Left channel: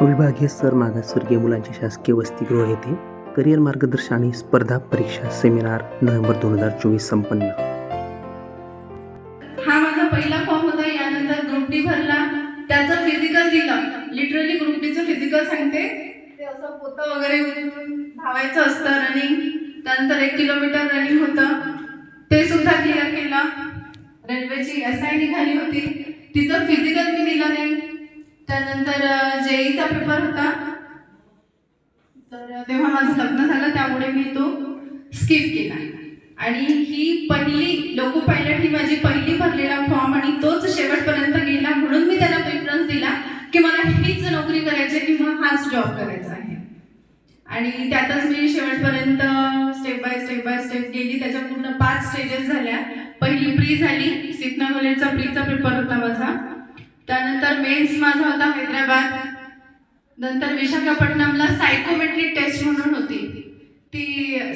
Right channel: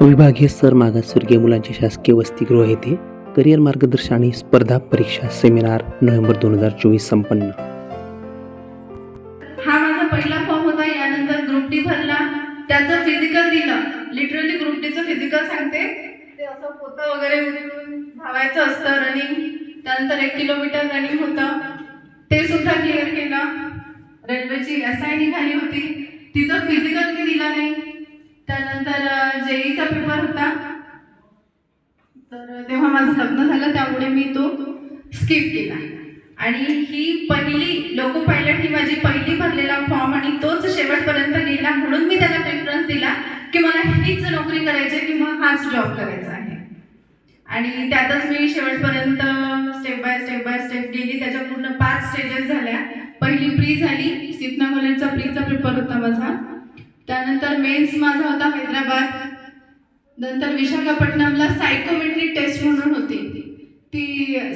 विभागीय सर मागासवर्गीय मुलांचे शासकीय वसतिगृह येथे करिअर मार्गदर्शन आणि स्पर्धा परीक्षा सेमिनार नोव्हेंबर दोन हजार चोवीस संपन्न. हा माझा पहिला फॉर्म होता. यानंतर ग्रुप डी भरला. त्याचं फिजिकल दिलं. लिटरली ग्रुप डीचं फिजिकल सांगते. ते असं पोतं वगैरे उचलून धावायचं असतं रनिंग त्यानंतर एक किलोमीटर रनिंग होतं. ते सुद्धा क्लिअर केलं. रेल्वेची एस आय निघाली होती. तिचं फिजिकल स्किप केला. आणि ही पहिली लोको पायलट ही माझी पहिली भरलेला फॉर्म आणि तोच शेवटपर्यंत गेला म्हणून मी त्याला प्रेफरन्स दिला की मला हीच नोकरी करायची आहे किंवा हाच जॉब करायचा आहे. आणि त्यातच मी शेवटपर्यंत step by step by step गेली. त्याच्या पूर्ण पाच स्टेजेस झाल्या. पहिली प्री झाली सिपना कॉलेजचा प्रीचा पेपर होता माझा. त्यानंतर मेन्स माझा होता हैदराबाद. नंतर विशाखापट्टणमला सायकोमेट्रिक टेस्ट म्हणून होती. ती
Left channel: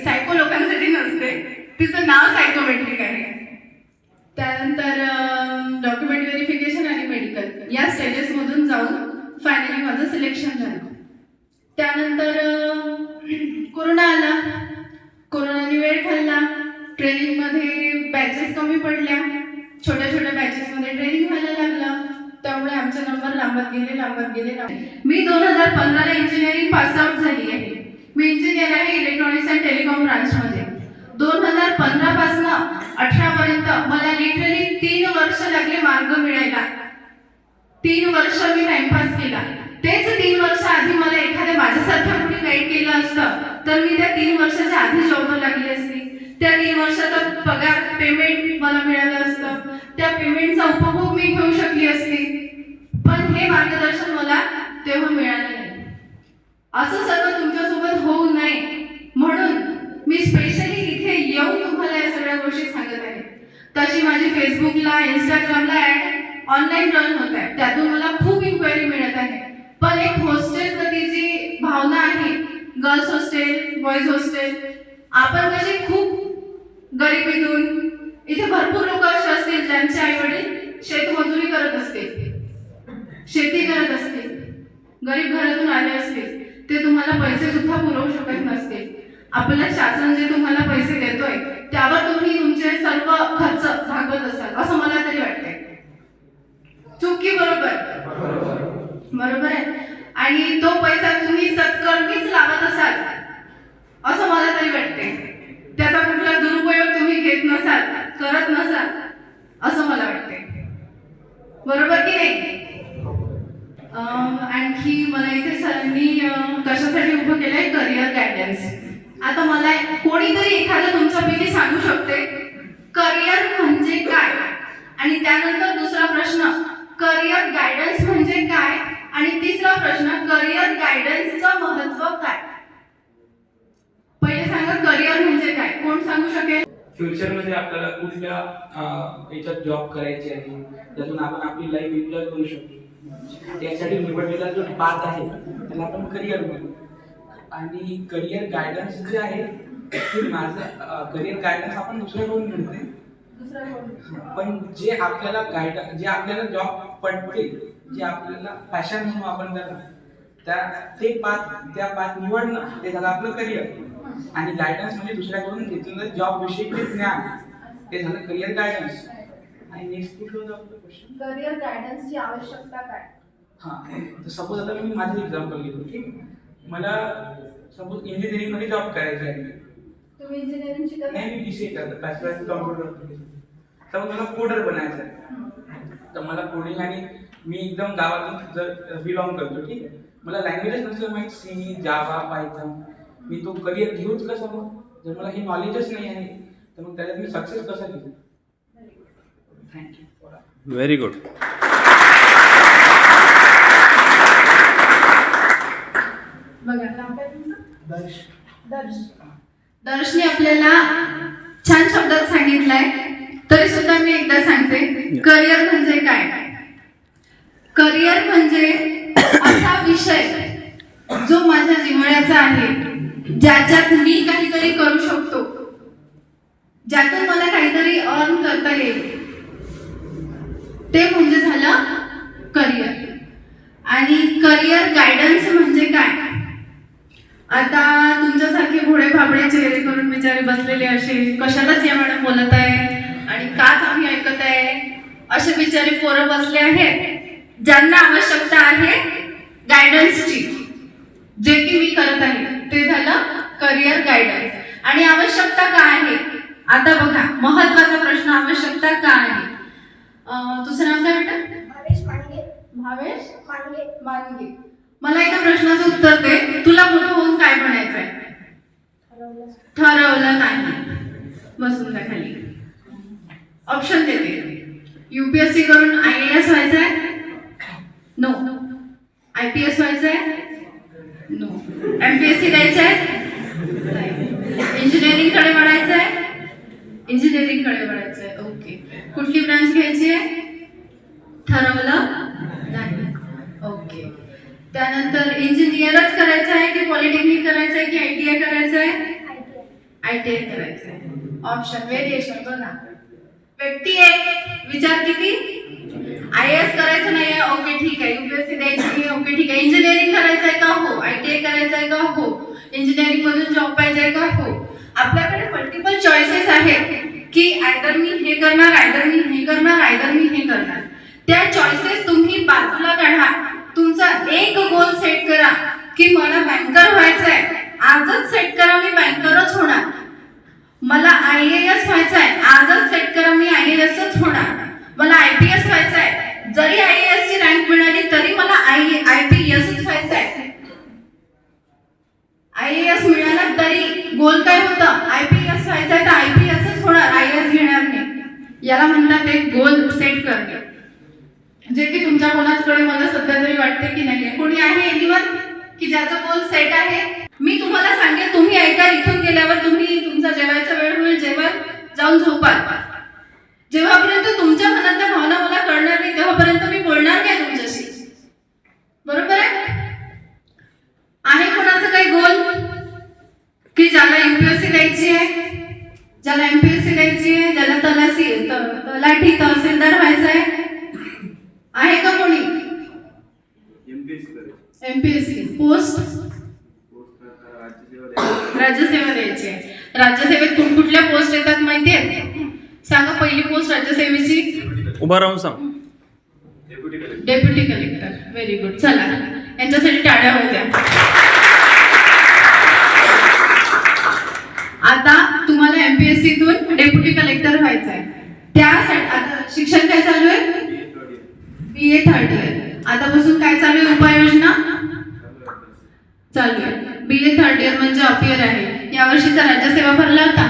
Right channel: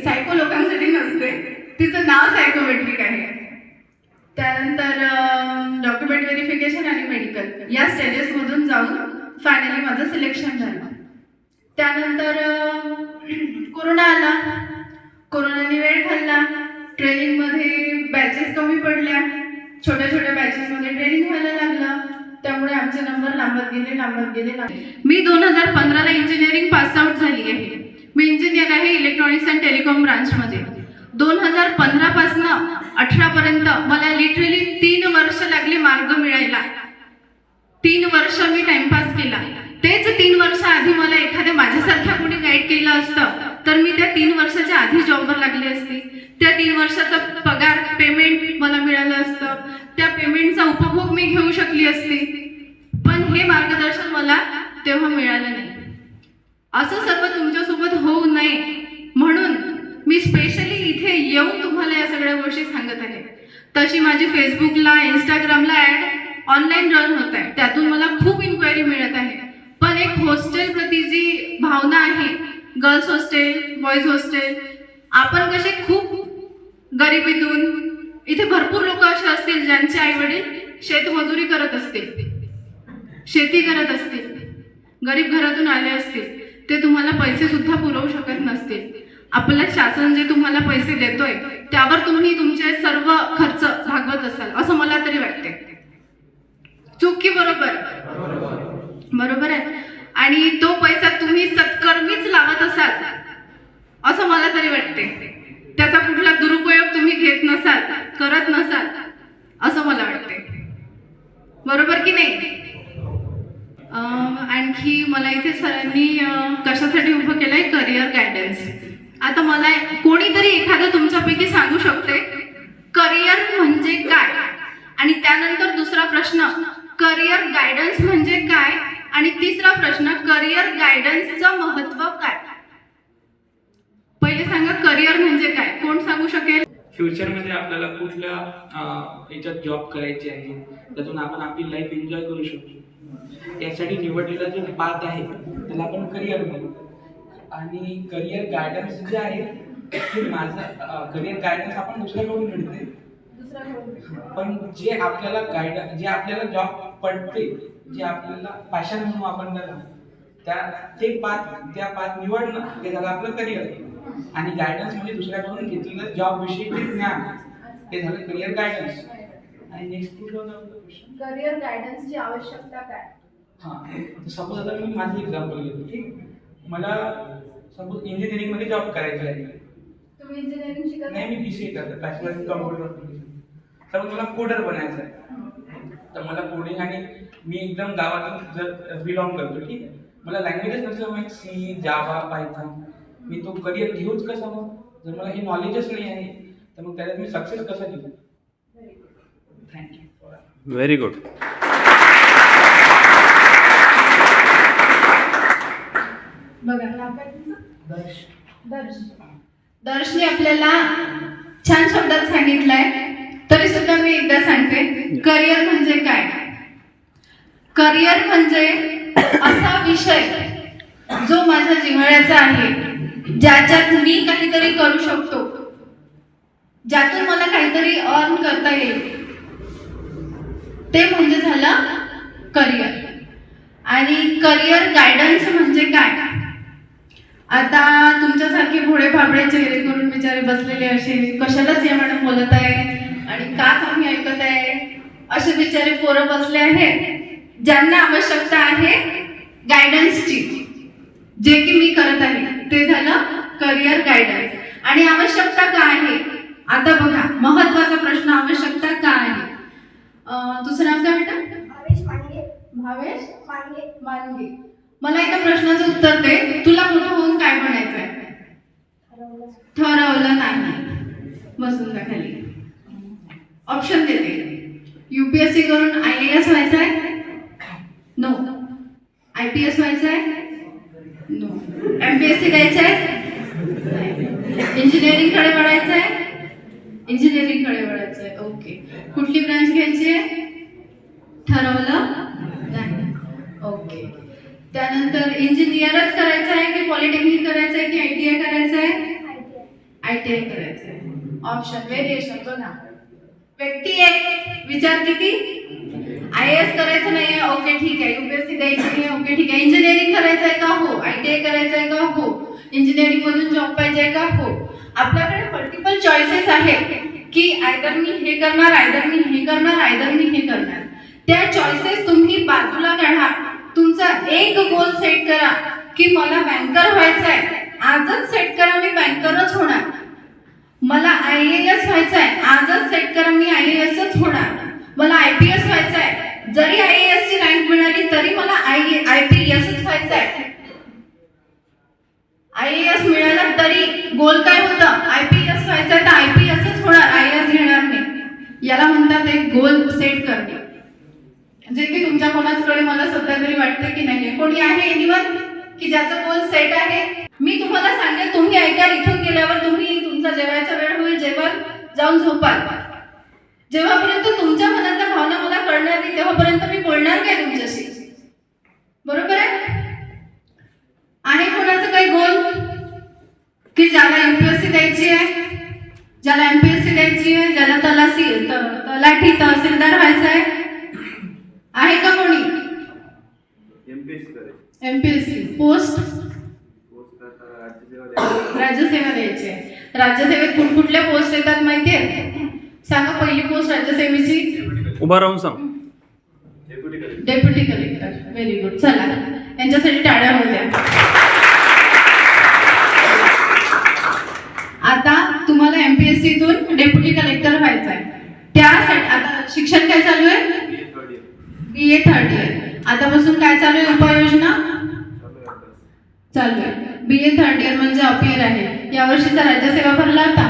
सायको लोकांसाठी नसते. तिचं नाव सायकोमेट्रिक आहे. त्यानंतर डॉक्युमेंट व्हेरिफिकेशन आणि मेडिकल या स्टेजेसमधून जाऊन फायनली माझं सिलेक्शन झालं. त्यानंतर कोरोना आला. कोरोनाने वेळ खाल्ला. ट्रेनिंगमध्ये बॅचेस कमी पडल्या. छोट्या छोट्या बॅचेसमध्ये ट्रेनिंग व्हायला लागलं. त्यामुळे आमचे नंबर लांबत गेले लांबत गेले मी दोन हजार पंधराला इंजिनिअरिंग पास आउट झाली आहे. मी इंजिनिअरिंग इलेक्ट्रॉनिक्स अँड टेलिकॉम ब्रांचमध्ये. दोन हजार पंधरापासनं अठरापर्यंत मला लिटरली तीन वर्ष लागले मार्ग मिळायला. तीन वर्ष मी टाइमपास केला. तेच तीन वर्ष आधी मला एखाद्या माझ्यासारख्या कुणी गाईड केलं असतं तर मी त्या तीन वर्षाच्या आधी जॉबवर लागली असती. त्या तीन वर्षाचा पगार पेमेंट मला मिळालं असतं. त्या पेमेंटचा उपभोग मी घेऊ शकली असती. पण हे मार्गदर्शन मला तेव्हा मिळालं नाही. असं सर्व तुमच्यासोबत होऊ नये. म्हणून मी स्पेशली इथे येऊन तुम्हाला या सगळ्या गोष्टी सांगत आहे. तशी माझी फेसबुकला इंस्टाग्रामला ऍड ऑनलाईन रन होत आहे. त्यातून मला खूप इन्क्वायरी मिळत आहे. पण एक हॉस्टेल प्रती जी भावना आहे गर्ल्स हॉस्टेल बॉईज हॉस्टेल आपण कसे खूप गरिबीतून इथे भरपूर लोक असे असतील ज्यांचे आई वडील शेतमजुरी करत असतील शेती करत असतील गरीब घरातून आले असतील ते तुम्हाला पैसे सुद्धा पुरवू शकत नसतील. आपलं शासन जे तुम्हाला पैसे देतोय त्यावर तुम्ही तुमचे सर्व खर्च भागवत असाल असं मला तरी वाटते चूक की बरोबर? बरोबर आहे. आणि तो पैसा तुम्ही सत्कर्मीच लावत असाल असं मला तरी वाटते त्याचा कुठला दुरुपयोग तुम्ही घेत नसाल करत नसाल असं मला वाटते बरोबर की नाही? आणखी मला इथे सरांनी कशासाठी उभं केलंय? करिअर गायडन्स आता मला कोणीतरी एखादं तुमच्यापैकी सांगू शकते? करिअर म्हणजे काय? आणि त्यानंतर दुसरा प्रश्न करिअर गायडन्स म्हणजे काय? आणि तिसरा प्रश्न करिअर गायडन्सचं महत्त्व काय? पहिले सांगा करिअर म्हणजे काय? कोण सांगू शकेल? फ्युचरमध्ये आपल्याला कुठल्या याच्यात जॉब करायचे आहे? त्यातून आपण आपली लाईफ एन्जॉय करू शकतो. त्यासाठी निवडलेला जो पाथ आहे त्याला आपण करिअर म्हणू. आणि करिअर गायडन्स जे आहे ते माझं करिअर गायडन्स आपण दुसऱ्याकडून मिळते पण जे आपल्याला गाईड जे आपल्याला जॉब पडते जे आपल्याला पॅशन म्हणून आपण त्याला त्या ते पाथ त्या पाथ निवडणं ते झालं आपलं करिअर आणि गायडन्स म्हणजे दुसऱ्याकडून घेतलेलं जॉब विषयीचे ज्ञान ते झालं करिअर गायडन्स आणि नेक्स्ट कुठलं होतं क्वेश्चन करिअर गायडन्सची आवश्यकता काय? हां सपोज आता मी माझं एक्झाम्पल घेतो ठीक? मला सपोज इंजिनिअरिंगमध्ये जॉब करायचा आहे तुम्ही इंजिनिअरिंग शिकत नाही मी बी सी ए करतो बॅचलर इन कम्प्युटर ॲप्लिकेशन तर मला कोडर बनायचं आहे तर मला कोडिंग आणि मी एकदम गावातून जर बिलॉंग करतो ठीक आहे? मला लँग्वेजेस नसलं माहीत सी जावा पायथन मी तो करिअर घेऊच कसा मग जर मला हे नॉलेजच नाही आहे तर मग त्याच्यात मी सक्सेस कसा घेऊ? थँक्यू व्हेरी गुड बघा नाव दर्श. आपल्याला छान शब्दात सांगितलंय. तरी सुद्धा मी एकदा सांगते. करिअर म्हणजे काय? करिअर म्हणजे असा विषय जो माझ्या जिव्हाळ्याचा आहे ज्याच्यात मी काहीतरी करू शकतो. ज्यातून मला काहीतरी अर्न करता येईल. ते म्हणजे झालं करिअर. आणि करिअर गायडन्स म्हणजे काय? आता तुमच्यासारखे घोडे फाफडे चेहरे करून बिचारे बसलेले असे कशालाच या मॅडम बोलत आहे? आणि काच आम्ही ऐकत आहे? असे बिचारे पोरं बसले आहेत. ज्यांना आवश्यकता आहे गायडन्सची जे की मी करत आहे. ते झालं करिअर गायडन्स आणि आवश्यकता काय आहे? आता बघा महत्त्वाचा प्रश्न आवश्यकता काय आहे? दुसरा नाव काय भावेश पांडे. भावेश पांडे मानगे मला एका प्रश्नाचं उत्तर दे. तुला मोठं होऊन काय बनायचंय आहे ठरवलं नाही. बसून त्या खाली. ऑप्शन देते. युपीएससी करून आय ए एस व्हायचं आहे नो आय पी एस व्हायचं आहे no M P S C द्यायचं आहे इंजिनिअरिंगकडे वळायचं आहे इंजिनिअरिंगकडे वळायचं आहे ओके कुठली ब्रांच घ्यायची आहे? ठरवलं? नाही. ओके त्यानंतर इंजिनियरच करायचं आहे की पॉलिटेक्निक करायचं आहे की आय टी आय करायचं आहे आय टी आय करायचं आहे ऑप्शन व्हेरिएशन बघा व्यक्ती एक विचार किती? आय एस करायचं नाही आहे. ओके ठीक आहे युपीएससी द्यायची आहे ओके ठीक आहे. इंजिनिअरिंग करायचं आहे का? हो. आय टी आय करायचं आहे का? हो. इंजिनिअरिंग मधून जॉब पाहिजे आहे का? हो. आपल्याकडे मल्टिपल चॉईसेस आहेत की आयदर मी हे करणार आयदर मी हे करणार आयदर मी हे करणार. त्या चॉईसेस तुम्ही बाजूला काढा. तुमचा एक गोल सेट करा की मला बँकर व्हायचं आहे आजच सेट करा मी बँकरच होणार. मला आय ए एस व्हायचं की ज्याचा गोल सेट आहे मी तुम्हाला सांगेन तुम्ही ऐका इथून गेल्यावर तुम्ही तुमचा जेवायचा वेळ होईल जेव्हा जाऊन झोपाल. जेव्हापर्यंत तुमच्या मनातल्या भावना मला कळणार नाही तेव्हापर्यंत मी बोलणार नाही तुमच्याशी. बरोबर आहे? आहे कोणाचं काही गोल की ज्याला एमपीएससी द्यायची आहे? ज्याला एमपीएससी द्यायची आहे ज्याला तलासी त- तलाठी तहसीलदार व्हायचं आहे आहे का कोणी एमपीएससी करायची एमपीएससी पोस्ट पोस्ट आता राज्यसेवा द्यायची राज्यसेवा द्यायची आहे राज्यसेवेत कुठ कुठल्या पोस्ट येतात माहिती आहे सांगा पहिली पोस्ट राज्यसेवेची उभा राहून सांग. Deputy collector deputy collector very good चला. यांच्यासाठी टाळ्या होत्या आता तुम्हाला एमपीएससीतून डेप्युटी कलेक्टर व्हायचं आहे त्यासाठी आता शिक्षण काय चालू आहे B A third year B A third year आतापासून काय चालू आहे उपाययोजना चालू आहे अभ्यास चालू आहे बी ए थर्ड इयर म्हणजे अपियर आहे या वर्षीचा राज्यसेवा भरला होता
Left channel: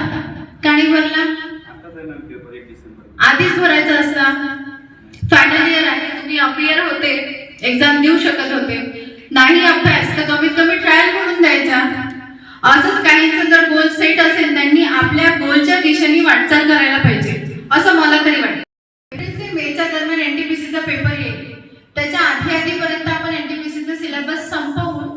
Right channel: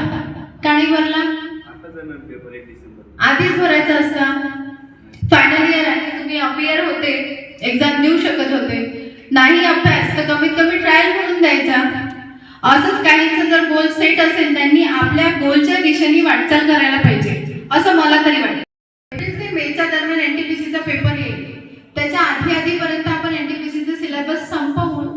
का नाही भरला आताच आहे ना पेपर एक डिसेंबर आधीच भरायचं असता फायनल इयर आहे तुम्ही अपियर होते एक्झाम देऊ शकत होते. नाही अभ्यास तर कमीत कमी ट्रायल म्हणून द्यायचा. असंच काहींचं जर गोल सेट असेल त्यांनी आपल्या गोलच्या दिशेने वाटचाल करायला पाहिजे. असं मला तरी वाटतं. मेच्या दरम्यान एनटीपीसीचा पेपर येईल. त्याच्या आधी आधीपर्यंत आपण एनटीपीसीचा सिलेबस संपवून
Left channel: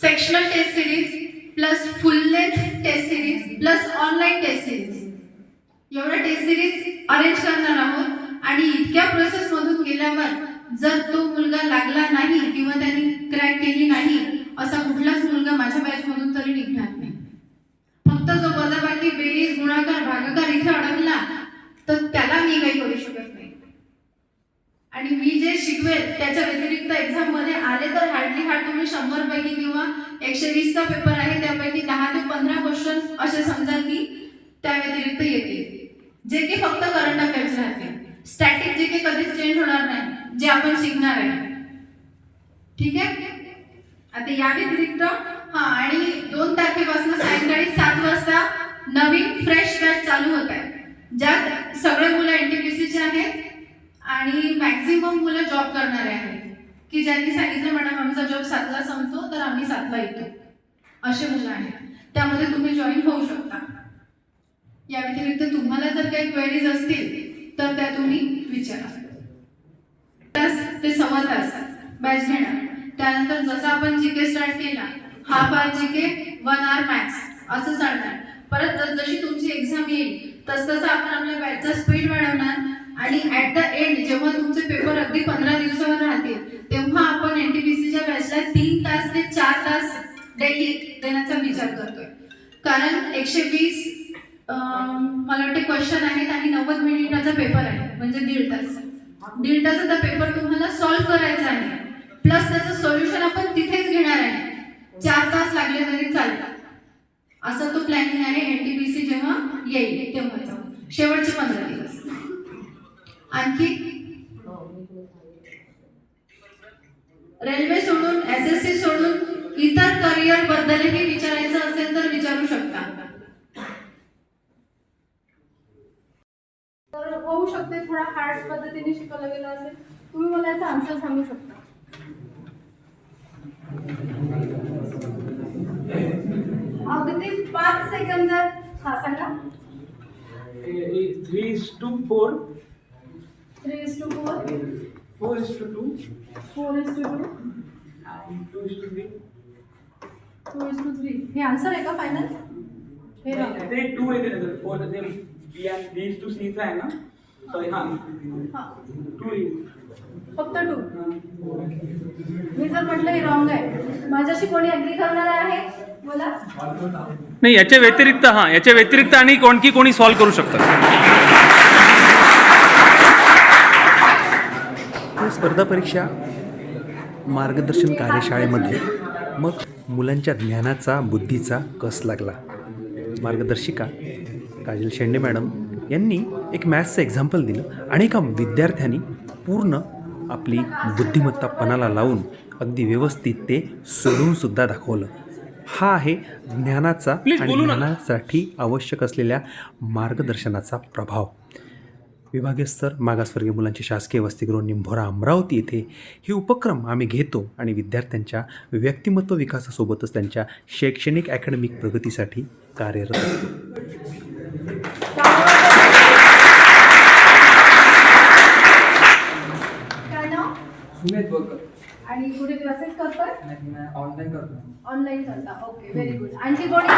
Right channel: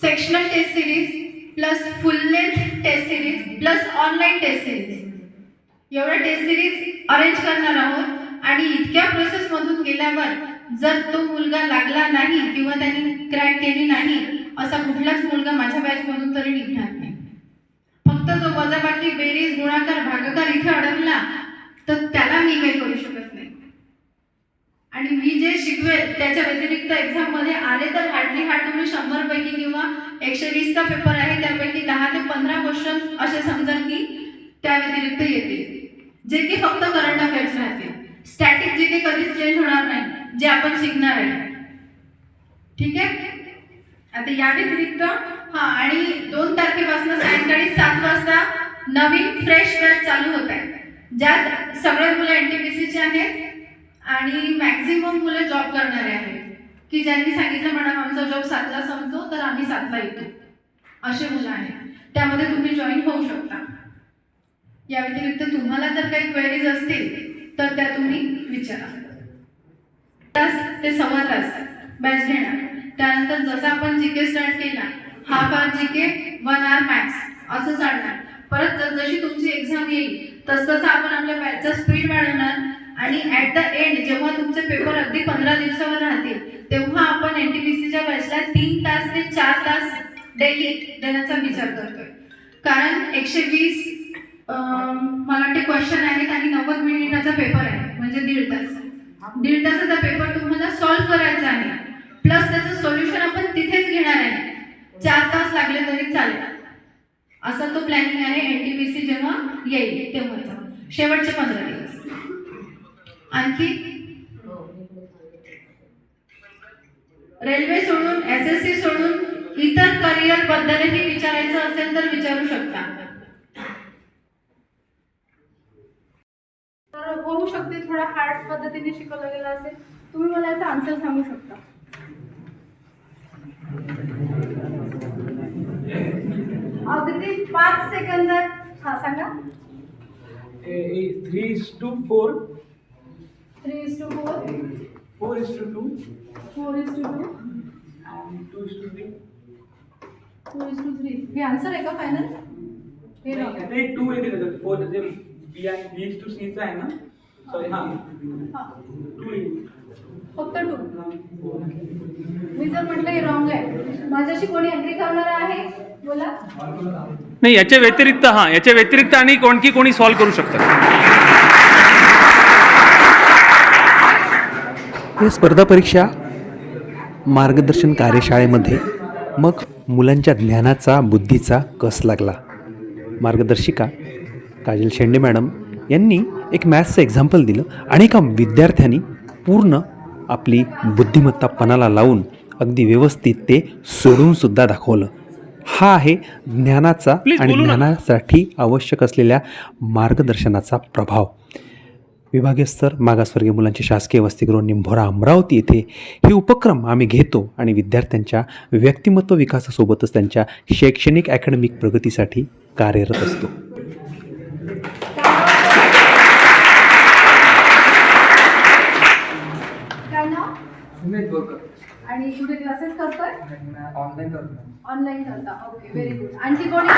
sectional test series plus full length test series plus online test series एवढ्या टेस्ट सिरीज अरेंज करणार आहोत. आणि इतक्या प्रोसेसमधून गेल्यावर जर तो मुलगा लागला नाही किंवा त्यांनी क्रॅक केली नाही असा कुठलाच मुलगा माझ्या बॅच मधून तरी निघणार नाही. फक्त जो वजाबाकी बेरीज गुणाकार भागाकार इथे अडकला तर त्याला मी काही करू शकत नाही. आणि मी जे शिकवेल त्याच्या व्यतिरिक्त एक्झाममध्ये आले तर हार्डली हार्ड तुम्ही शंभर पैकी किंवा एकशे वीसचा पेपर आहे त्यापैकी दहा ते पंधरा क्वेश्चन असे समजा की त्या व्यतिरिक्त येते जे की फक्त करंट अफेअर्स राहते स्टॅटिक जे की कधीच चेंज होणार नाही. जे आपण शिकणार आहे. ठीक आहे? आता या व्यतिरिक्त हा आणि दोन तारखेपासून सायंकाळी सात वाजता नवीन फ्रेश बॅच चालू होत आहे. ज्यात सगळे मुलं एनटीपीसीचे आहेत आणि मॅक्झिमम मुलं जॉब करणारे आहेत. की ज्यांनी सांगितलं मॅडम आमचा जॉब सातला संपतो तर आम्ही सातला येतो. असे मुलं आहेत. त्यामध्ये तुम्ही जॉईन होऊ शकता. या व्यतिरिक्त तुम्हाला जर काही क्वेरीज असतील तर त्या तुम्ही विचारा. तास ते सव्वा तास बॅच घेणार त्यानंतर जसं आपण जी के स्टार्ट केला half R G K one R maths असं चालणार. परत जशी तुमची एक्झाम येईल तस तसं आपण आपल्या बॅचचा स्पीड वाढवणार. आणि ऍट द एंड जेव्हा तुमचे पेपर अगदी पंधरा दिवसावर राहतील तेव्हा आपण एन टी बी सीच्या बॅचला तीन तास ते चार तास डेली देण्याचा विचार करतोय. कारण एकशे वीस मला वाटते क्वेश्चन आहेत आणि नव्वद मिनिटाचा पेपर आहे म्हणजे दीड तास. दीड तासाचा पेपर तुम्हाला सॉल्व्ह करायचा आहे प्लस त्याचं सोल्युशन आपण तिथेच घेणार आहे. चार तास लागले तरी चालेल. असा तो प्लॅनिंग आहे एनटीपीसी जेव्हा येईल तेव्हाचा. शेवटचे पंधरा दिवस. आणखी? रेल्वे सोडून एस एस सी सोडून इतर करिअर बद्दलही विचारायचं असेल तर विचारू शकता तर होऊ शकते थोडा हार्ड पद्धतीने शिकवलं गेलं असेल तुम्ही मला याचा आन्सर सांगू शकता. अगदी पाच सेकंदात हा सांगा. Three is to four three is to four four is to two four is to two two is to three two is to three हे आन्सर आहे का फायनल हे आहे. टू देतात फोर ते बी आणि बी इज टू सीचा आहे ना? सॉरी हां. हा. टू इज फक्त टू मी जर म्हटलं हे रॉंग आहे. माझ्याशी कोणी अग्री करणार आहे? बोला. नाही याच्या व्यतिरिक्त हां याच्या व्यतिरिक्त आणि कोणकी कोणी सॉल्व करू शकतात. स्पर्धा परीक्षा मार्गदर्शन कार्यशाळेमध्ये मग मुलांच्या ज्ञानाचा बुद्धीचा कस लागला? मार्गदर्शिका काजल शेंडे मॅडम यांनी एक मॅथ्सचं एक्झाम्पल दिलं आणि एका विद्यार्थ्यांनी पूर्ण आपली बुद्धिमत्ता पणाला लावून अगदी व्यवस्थित ते सोडूनसुद्धा दाखवलं. हा आहे ज्ञानाचा आणि. ज्ञानासाठी आवश्यक असलेल्या मार्गदर्शनाचा प्रभाव. विभागीय स्तर मागासवर्गीय मुलांचे शासकीय वसतिगृह निंभोरा अमरावती येथे हे उपक्रम आम्ही घेतो आणि विद्यार्थ्यांच्या व्यक्तिमत्व विकासासोबतच त्यांच्या शैक्षणिक अकॅडमिक प्रगतीसाठी कार्यरत असतो काय बोरकर आणि कुठे क्लासेस करताय? ऑनलाईन करतो ऑनलाईन करता. ओके व्हेरी गुड आणखी कोणी?